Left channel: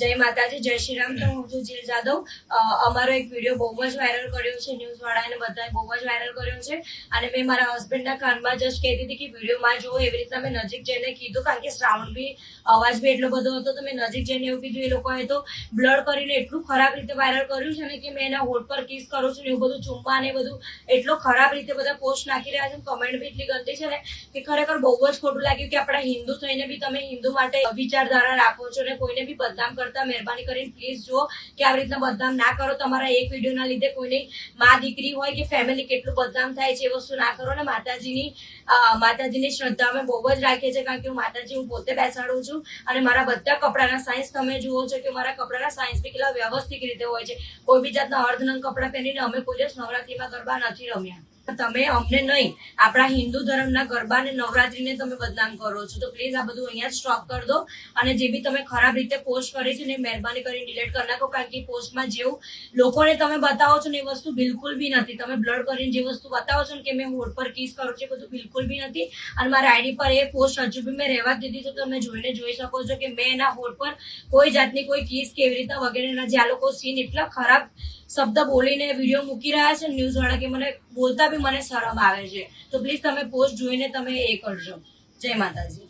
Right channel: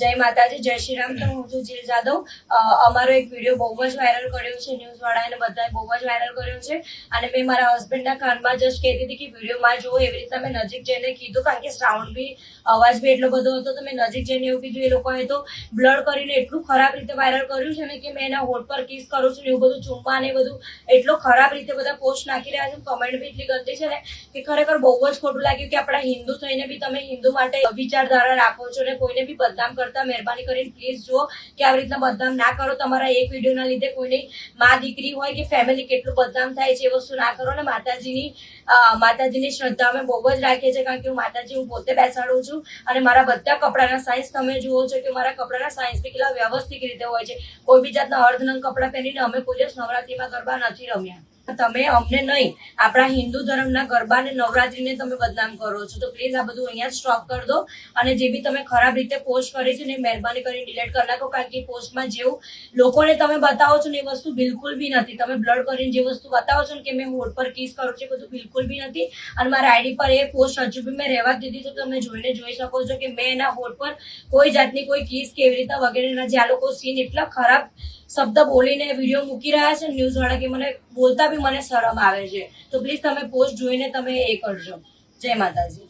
જય માતાજી, જય શ્રી રામ. તો હું છું જીલ જાદવ. અમારો એક વિડીયો બહુ જ વાયરલ કર્યો છે, ન્યૂઝ વાળાને બધાએ બહુ જ વાયરલ કર્યો છે. અને મેં મારા હસબન્ડના કાનમાં જસ્ટ કહેતી હતી કે વિડીયોમાં જુઓ, એવી રીતના મેં નજીક જઈને કીધું, કારણ કે સાઉન્ડ બી અવાજ બી એટલો બધો હતો. તો મેં નજીક જઈને એવું કીધું. એ લોકોએ તો બ્લડ કરીને એટલું ખરાબ રીતે વાયરલ કર્યું છે ને કે મેં એના હોઠ પર કિસ કરું છું ને એવું બધું, ચુમ્મા ને બધું એટલો ખરાબ રીતે બધા પોસ્ટ નાખી રહ્યા છે. કમેન્ટ બી એટલી ગંદી છે ને કે ખરેખર બહુ જ ખોટું લાગ્યું કે આપણા હિન્દુ થઈને બી તમે હિન્દુ માટે વિચારધારા રાખો છો ને કોઈને બી બદનામ કરતા મહેરબાની કરીને પ્લીઝ જુઓ કે આવી રીતના બદનામ ના કરો. તમારા એક વિડીયોના લીધે કોઈની માં દીકરી હોય કે ફેમિલી કેટલું બદનામ થાય છે એ વસ્તુ ના કરો ને. માતાજીની શ્રદ્ધા અમે બહુ જ રાખીએ છીએ, કારણ કે હું પોતે બેસાડું છું અને મારા બધા કપડાના સાઇઝ તમે જુઓ છો કે મારા કપડાના સાઇઝ બી કેટલા વ્યવસ્થિત રીતે હોય છે. કોઈ બી જાતના અર્ધનંગ કપડાં પહેરીને અમે કોઈ દિવસ નવરાત્રીમાં ગરબા નથી રમ્યા. તમે અમને નહીં, આપણા હિન્દુ ધર્મના ગરબા અને નવરાત્રીને તમે બદનામ કરો છો. તો પ્લીઝ આ બધું અહીંયા સ્ટોપ કરી દો. અને જે બી તમે ખરાબ રીતે પોસ્ટ કરી છે ને મહેરબાની કરીને ડિલીટ કરી નાખો, કારણ કે પોસ્ટમાં જેવું લોકોને તમે બતાવો છો ને એ વસ્તુ બિલકુલ બી નથી. તમે બ્લડ કરીને જે વસ્તુ બતાવો છો ને કે મેં હોઠ પર કિસ કરું છું, બધું બિલકુલ બી નથી. અને મારા આઈડી પર એ પોસ્ટ હજુ બી મેં રહેવા દીધી છે. તમે જોઈને જોઈ શકો છો કે મેં એના હોઠ પર કોઈ જાતની કોઈ કિસ કેવી રીતે વગેરેના જે આ લોકો સીન એટલા ખરાબ શબ્દ બોલીને વિડીયો મૂકી રહ્યા છે ન્યૂઝ વાળા કે મને બોલતા બી મને શરમ આવે છે. તો પ્લીઝ તમે પોસ્ટ જોઈને તમે એ કરજો. જય માતાજી.